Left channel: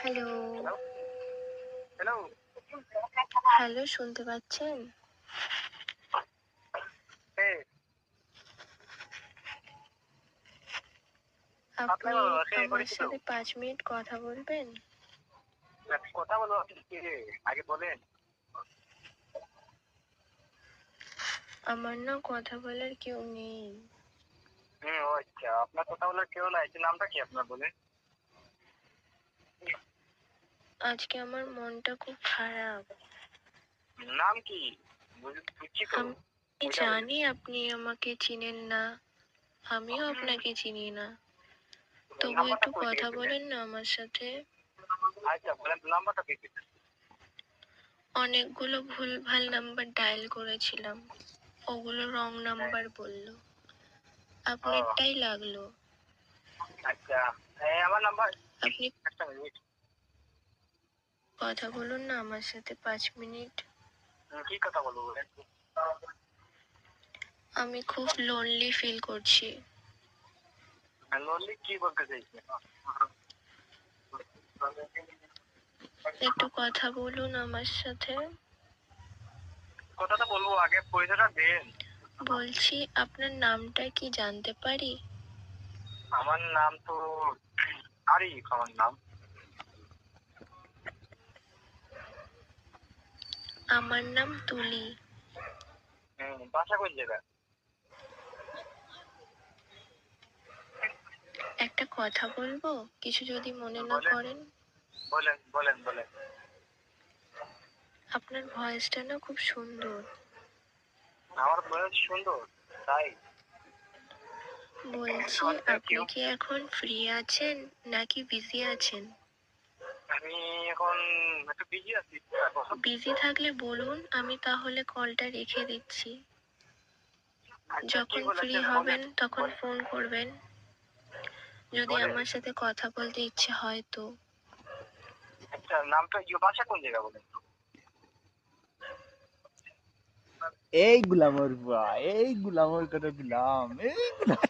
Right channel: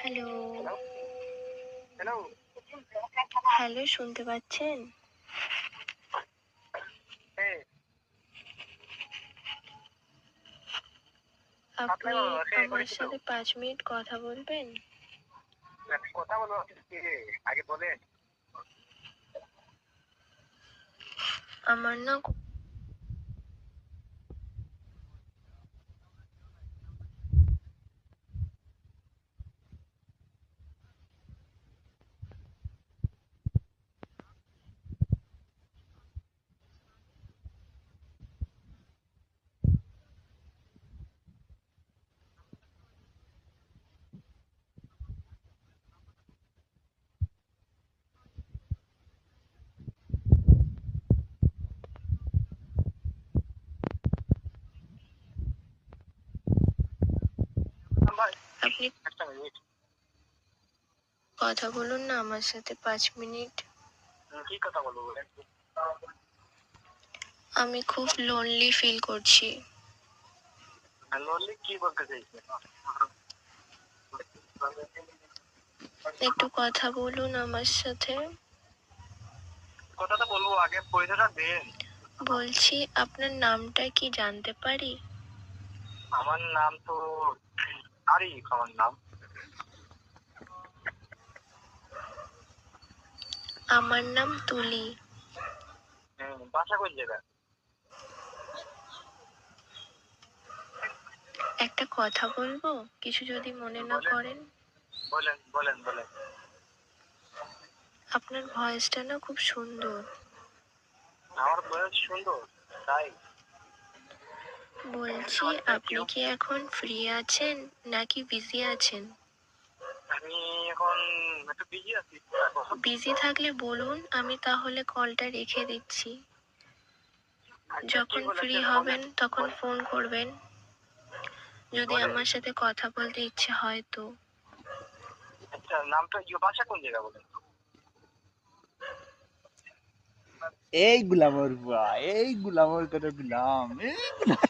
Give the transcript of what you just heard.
Hello, hello, hello. Hello শুনতে পাচ্ছেন? হ্যাঁ, আপনি আপনার সে আমার পরিচিত। সাথে ৫ মিনিট কথা বলবেন? কথা বলবো কে আগে বলেন। আমার না কথা বলার কেউ নেই। ও আচ্ছা, আপনার কথা বলার কেউ নাই। নামটা কি আপনার বলেন? আজকে আমার মনটা খুব খারাপ। নাম কি? বুঝছি তো। আমি ওইটা বলেন। জানি আপনি আমাকে চিনেন না, আমিও আপনাকে চিনি না। তবু নাম্বারটা একটু কই থেকে কথা পেলেন? বলেন না আমার সাথে। আচ্ছা বলেন, নাম্বারটা কে পেলেন? অনেকগুলো ভুলভাল নাম্বার ডায়াল করেছিলাম, ওগুলো রং নাম্বার বললো, ও আপনারটাই লাগলো। আচ্ছা, আমার নাম্বার। আপনি একটা মিনিট। কথা বলুন না আমার সাথে ৫ মিনিট। কি কথা বলবো বলেন? আমি খুব লোনলি ফিল করছি। লোনলি কি বলতে চাইছেন? একটু কথা বলুন আমার সাথে। কথাটা বলবো, আগে পয়সাটা দেন। বলছি আপনার নামটা কি জানতে পারি? আমার নাম তো আরিফ, আমার নাম। আমার নাম তুলি। বাসা কোন জায়গায়? একটা কথা বলবো, কিছু যদি মনে না বলেন, করেন? বলেন, বলেন, বলেন। আপনার ভয়েসটা না খুব সুন্দর। আমার বয়স সুন্দর, তাই? বলছি থ্যাংক আপনি ইউ। কি এখন ফ্রি আছেন নাকি বিজি আছেন? আমি এখন একটু বিজি আছি এখন। বিজি থাকলে বলুন, আমি তাহলে কলটা রেখে দিচ্ছি। আচ্ছা, কি যখন ফ্রি বলেছেন হবেন বলেন। তখন ফোন করবেন, যদি বলেন। আমার সাথে কথা বলতে ইচ্ছে হয় তো। আচ্ছা, নামটা বাসা কোন জায়গা বলেন? এই গুলামর বুয়া, এই গুলামর কত গুলাম, এই গুলাম।